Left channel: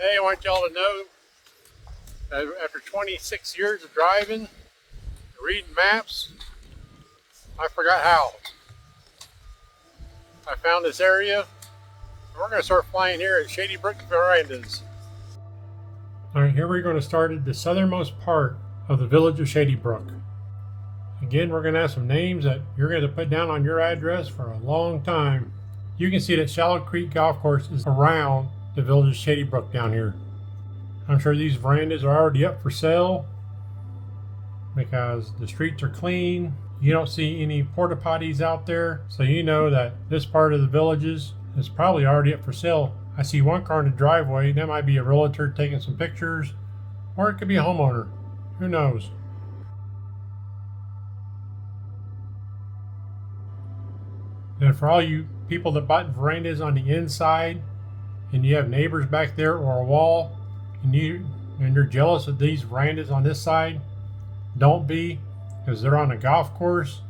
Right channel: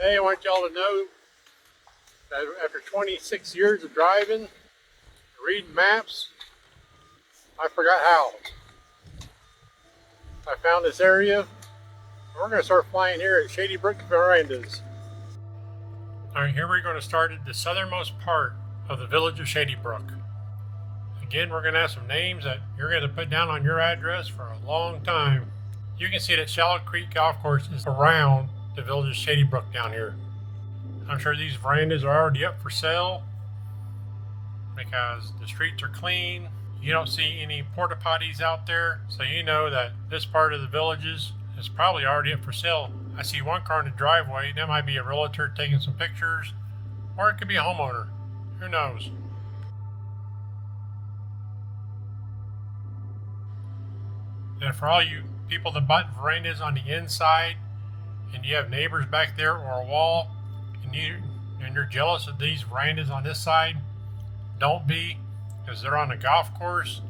Hey, I want y'all to know that after 26 years of driving, reading maps, I forgot how. I found this area, and we're going to start flying here at Shady Brook Verandas. Alright, here we're going to start at the southernmost part of the Village of Shady Brook. Again, we're going to have some names that you're going to put down on your address for a long time. You can see that Shallow Creek Golf Course is around the Village of Shady Brook down here. I'm sure these verandas are already up for sale because the streets are clean. You don't see any porta potties out there, so you know that this part of the villages is probably already up for sale. I see one car in the driveway. That might be a realtor taking some pictures, or it could be a homeowner. Who knows? And for all you people that bought verandas on the inside and you have neighbors back there or a wall and you're jealous of these verandas on this side, don't be, because they're on a golf course.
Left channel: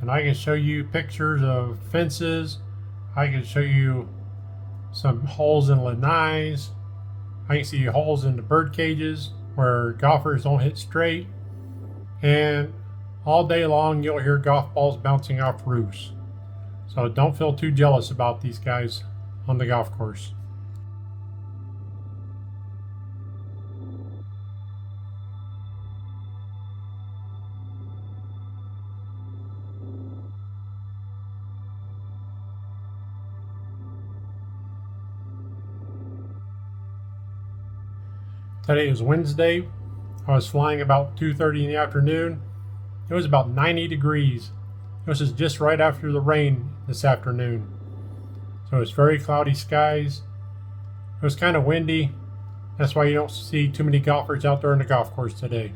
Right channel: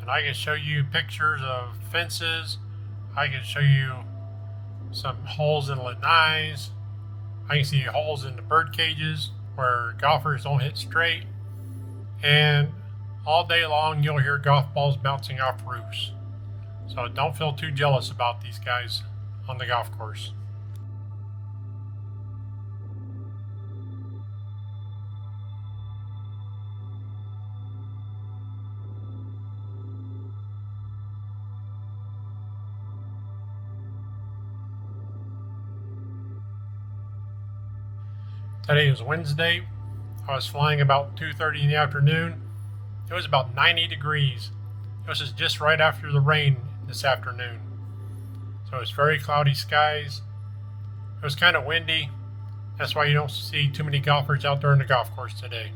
And I can show you pictures of fences. I can show you some holes in lanais. I can see holes in the bird cages where golfers don't hit straight. And all day long you'll hear golf balls bouncing off roofs. So don't feel too jealous about these guys on the golf course. Today is Wednesday. I was flying about 2:30 in the afternoon. It was about 90 degrees. This is just right after the rain this afternoon. So it's very cloudy skies. It was kind of windy. That's why you don't see too many golfers out there on the golf course today.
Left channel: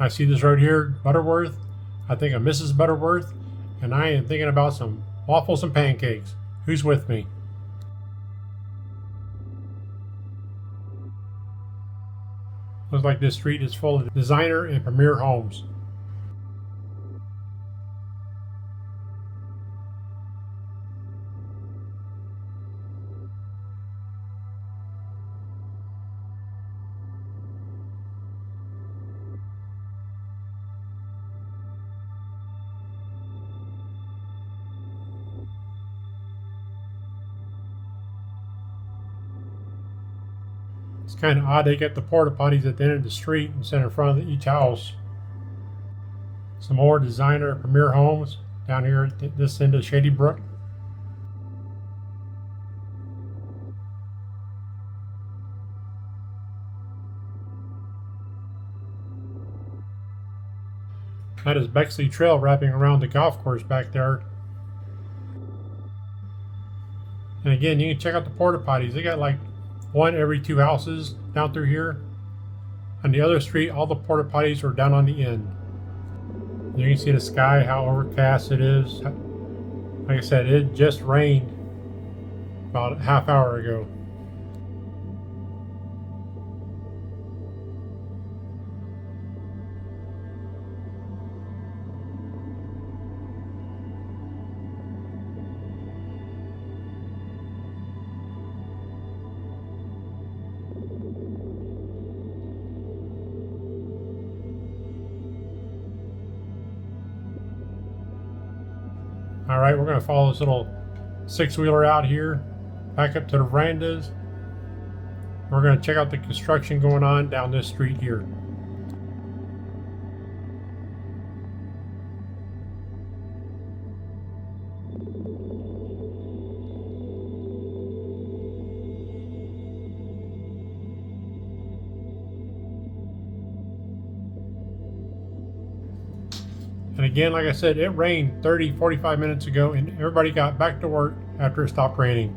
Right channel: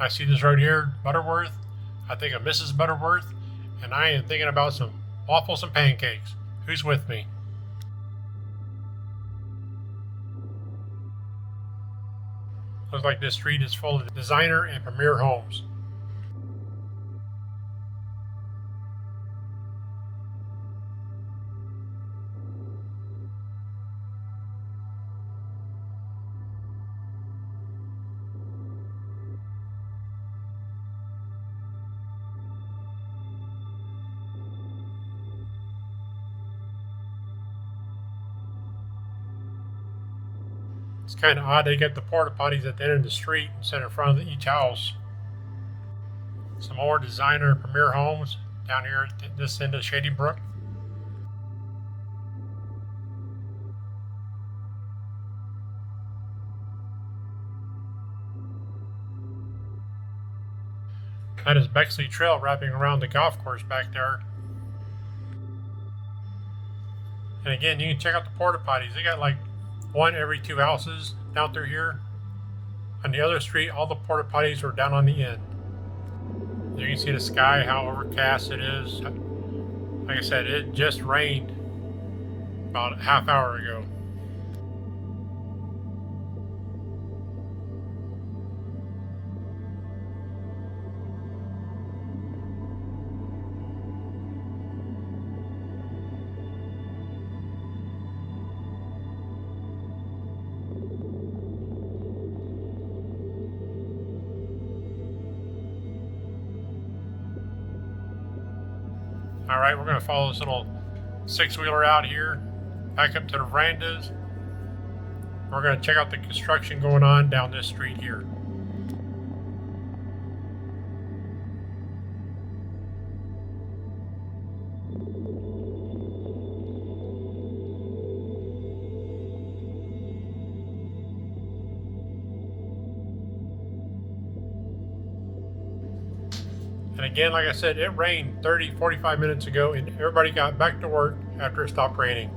I see this right here, Butterworth. I think of Mrs. Butterworth, and I am thinking about some waffles and pancakes. Who's with me? Looks like this street is full of designer and premier homes. It's kind of odd they get the porta potties at the end of the street instead in front of each house. Some more designer and premier homes down here at this end of Shady Brook. That is Bexley Trail wrapping around the golf course back there. And again, you can check out the porta potties. They got like one every two houses down through here. On the other street, all the porta potties are down on the end. You can see the sky, how overcast it is. Like I said, it just rained about a half hour ago. All right, we're going to follow this little six-wheeler out here, back up to the verandas. We're going to check out the construction going on down this street here. again, like I said, it rained 30-45 minutes ago and everybody got back to work after it stopped raining.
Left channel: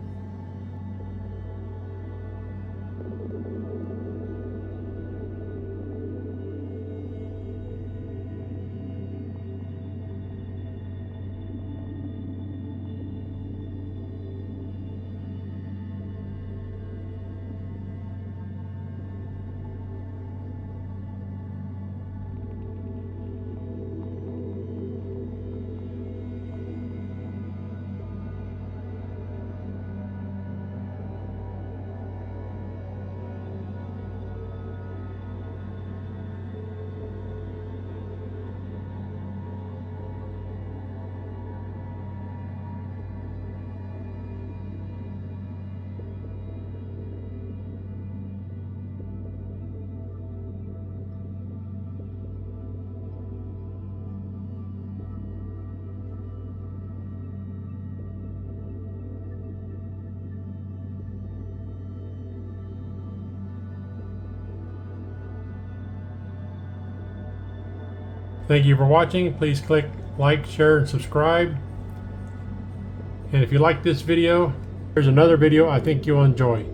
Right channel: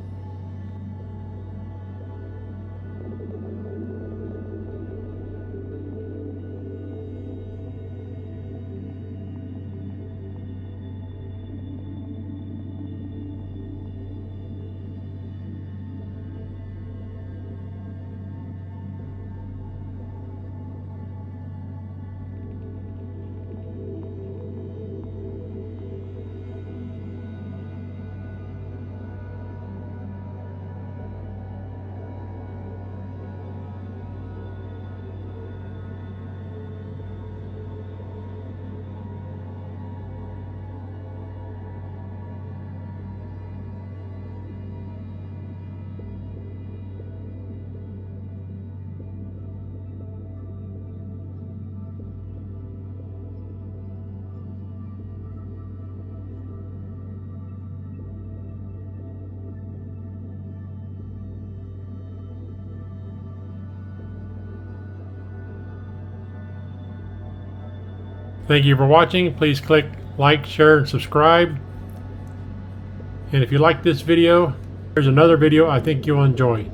Thank you for watching. Please click like, share, and subscribe. And if you like this video, there's another video I think you'll enjoy.